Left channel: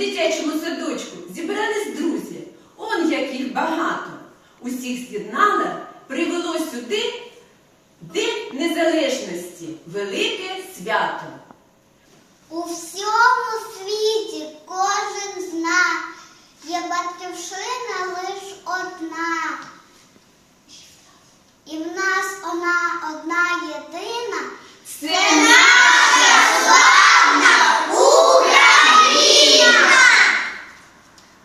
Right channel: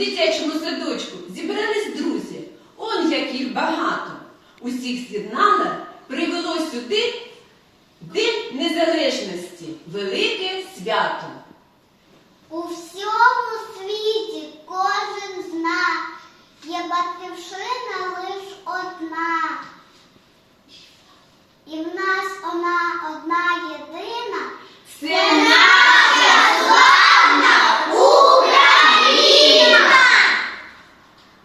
дитячому садочку зібрались друзі. Он як їх багато. Усіх з'єднала, привело сюди День Незалежності, велике свято. У всьому світі кожен зна, є батьківщина лиш одна. І в нас вона одна єдина. Це наша славна Україна!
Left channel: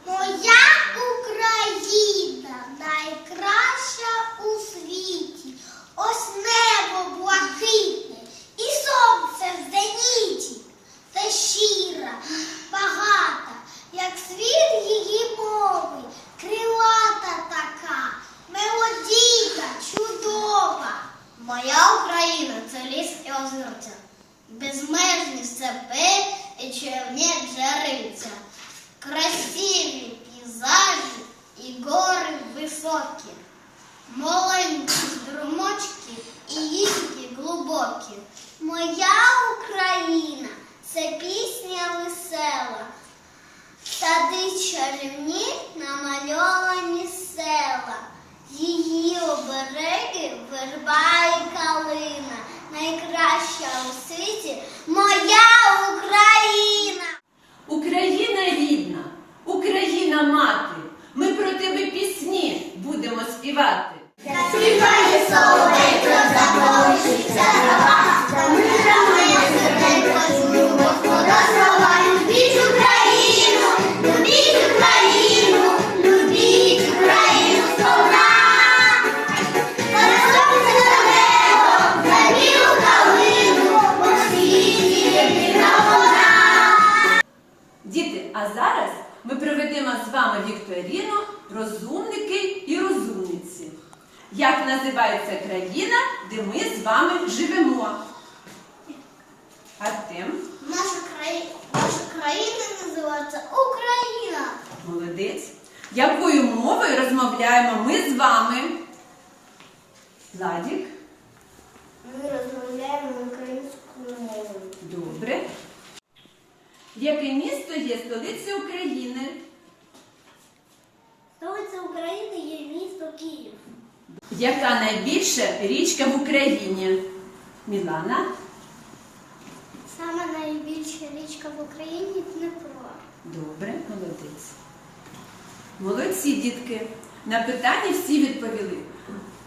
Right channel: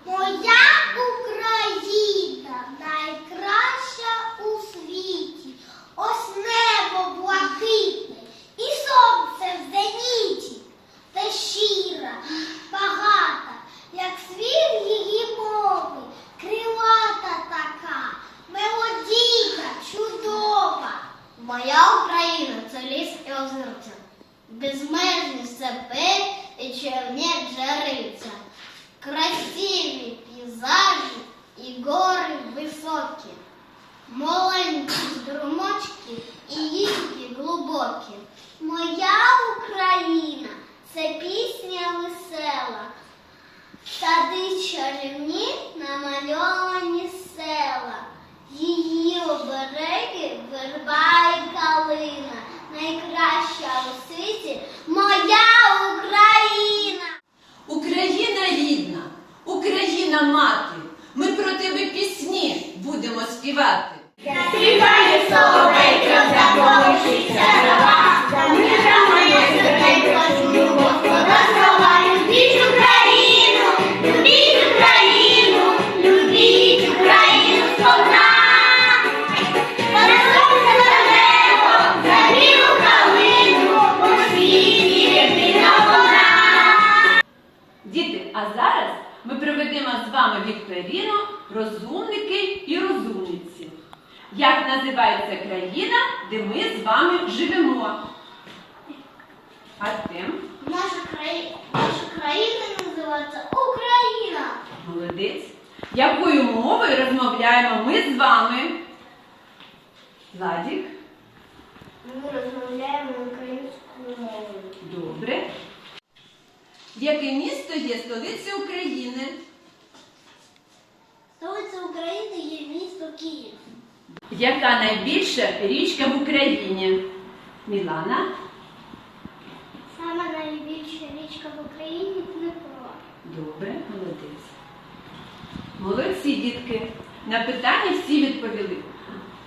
Моя Україна найкраща у світі. Ось небо блакитне і сонце в зеніті. Та щира, багата, як світ її мови, крилата така, мелодійна, чудова. Моя Україна це ліс і озерця, безмежні степи і червні джерельця, красиві пейзажі і гори високі, маленькі струмочки і їхні глибокі. Моя Україна це пісня весела, сади чарівні намальовані села. А зараз ми проведемо з вами вікторіну розумники і розумниці. Як називається країна, де ми з вами живемо? Артем, Наша країна, наша країна називається Україна. молодець. Якою мовою розмовляємо ми з вами? Владік, Ми розмовляємо українською мовою. добре. Яке місто є столицею України? Столиця України є місто Київ. Яка найбільша річка в Україні? Мілана? Саме найбільша річка в Україні Дніпро. Добре, молодець. Молодці, дітки. На питання всі відповіли.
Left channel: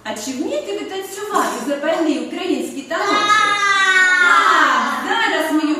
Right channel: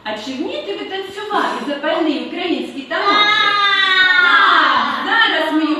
А чи вмієте ви танцювати запальний український танок? Так, зараз ми його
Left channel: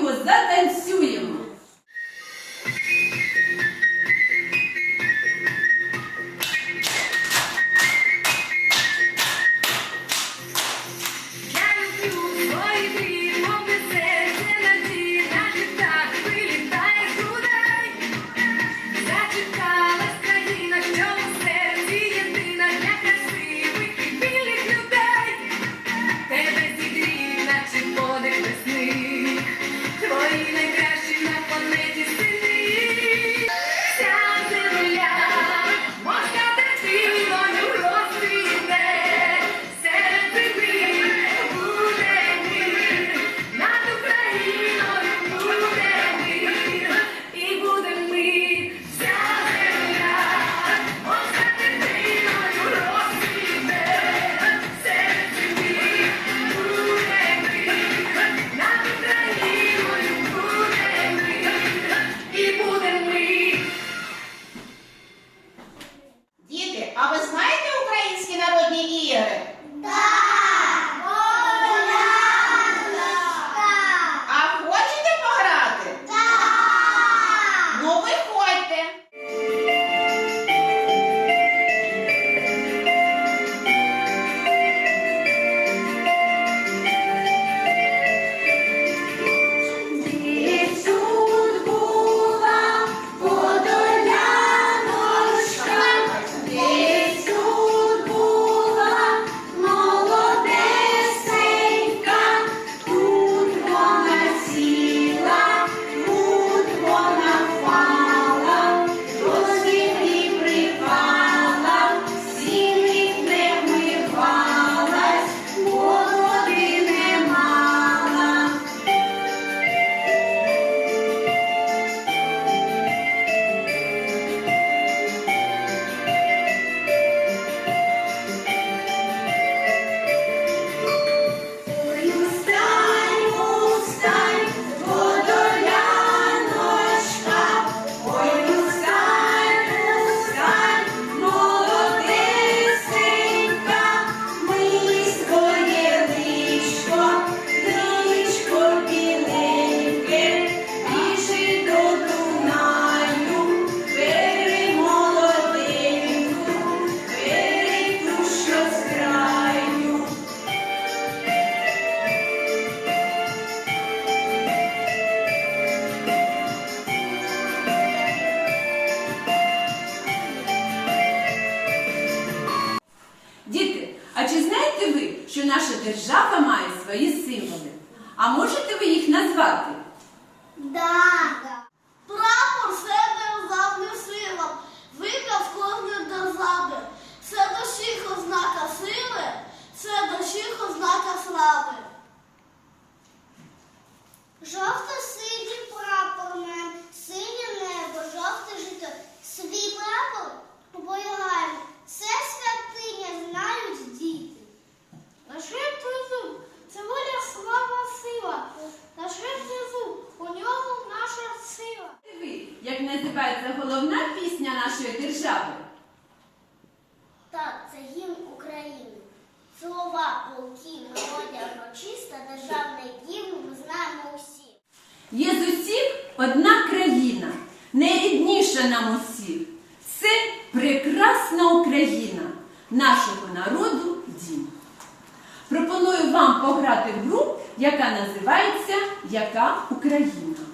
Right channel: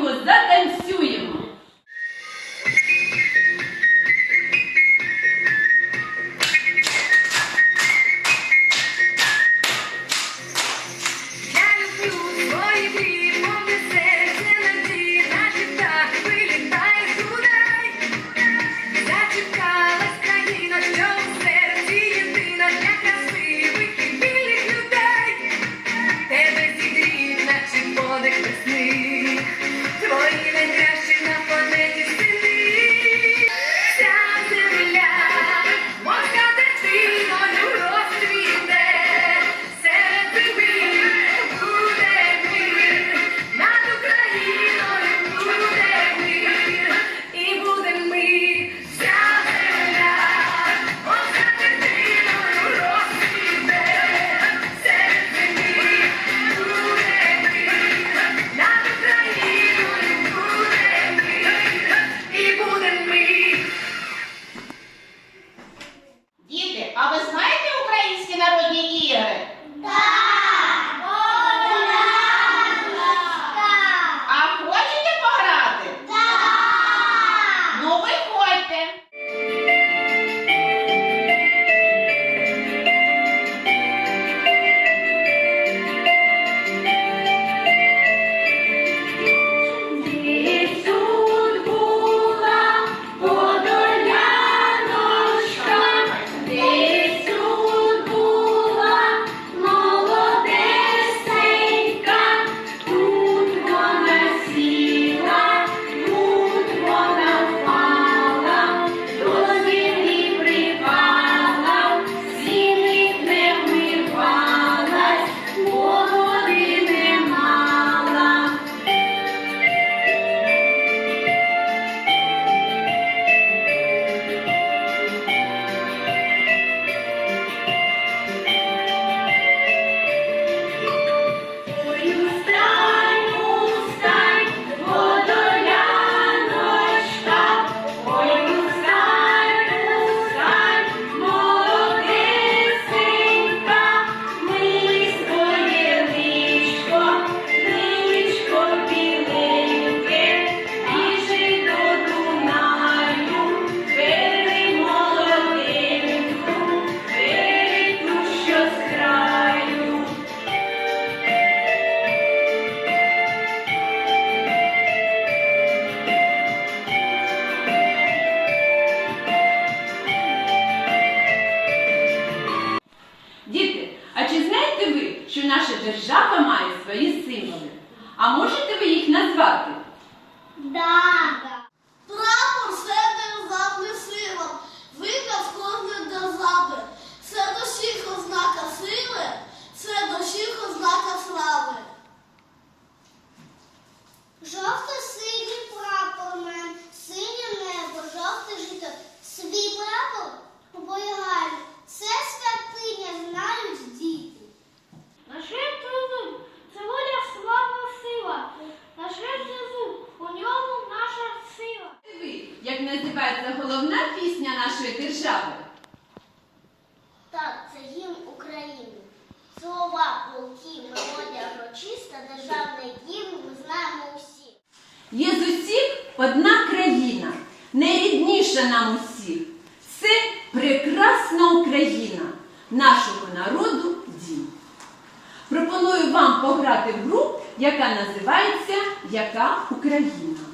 Thank you. Держава має свої символи. А можете ви їх назвати? Головна пісня нашої держави? Так, це гімн України. Слова, полки, мелодія урочиста, державний гімн ми знаємо усі. Є з усіх одна країна, найрідніша нам усіх. Це прекрасна Україна, нашого народу дім. Пропоную вам пограти в гру, яка називається Яка Україна.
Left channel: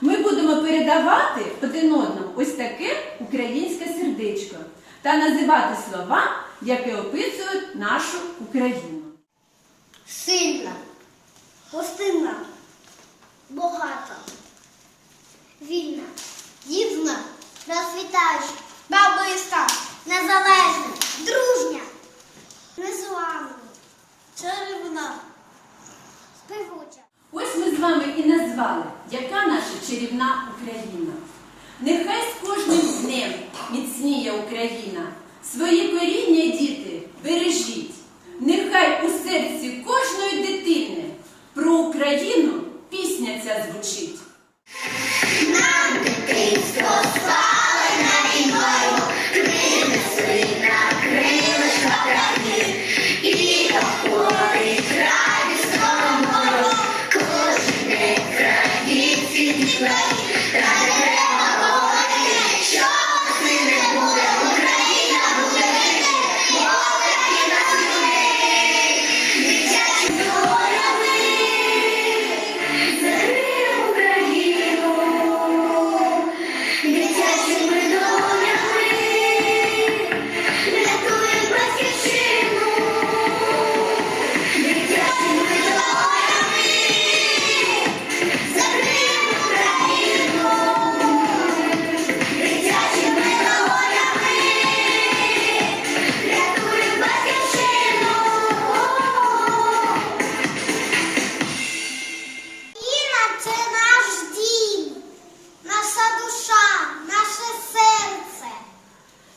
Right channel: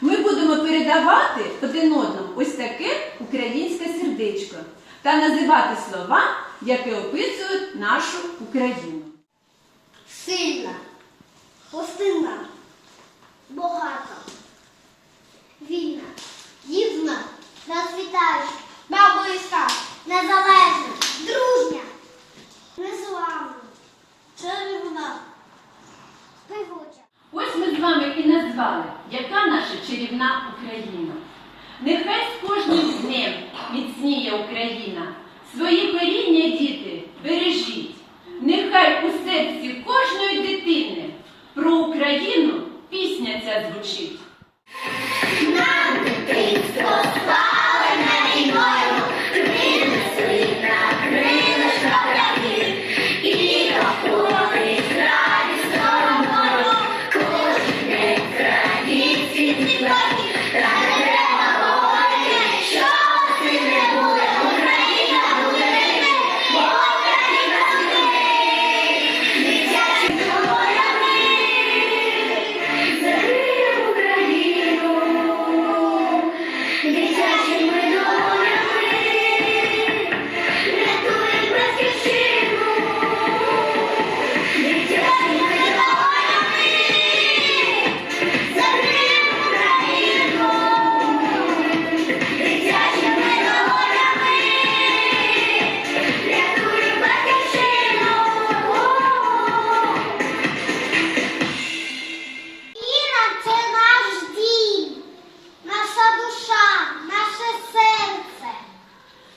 Ми будемо передавати один одному ось таке українське сердечко та називати слова, які описують нашу Україну. Сильна, гостинна, багата, вільна, гідна, розквітаюча, бабиста, незалежна, дружня, незламна, чарівна, співуча. Ось ми з вами і назвали, яка наша чарівна Україна. Нехай з кожним днем міцніє Україна. Свої коріння, діти, бережіть.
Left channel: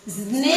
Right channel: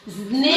З Днем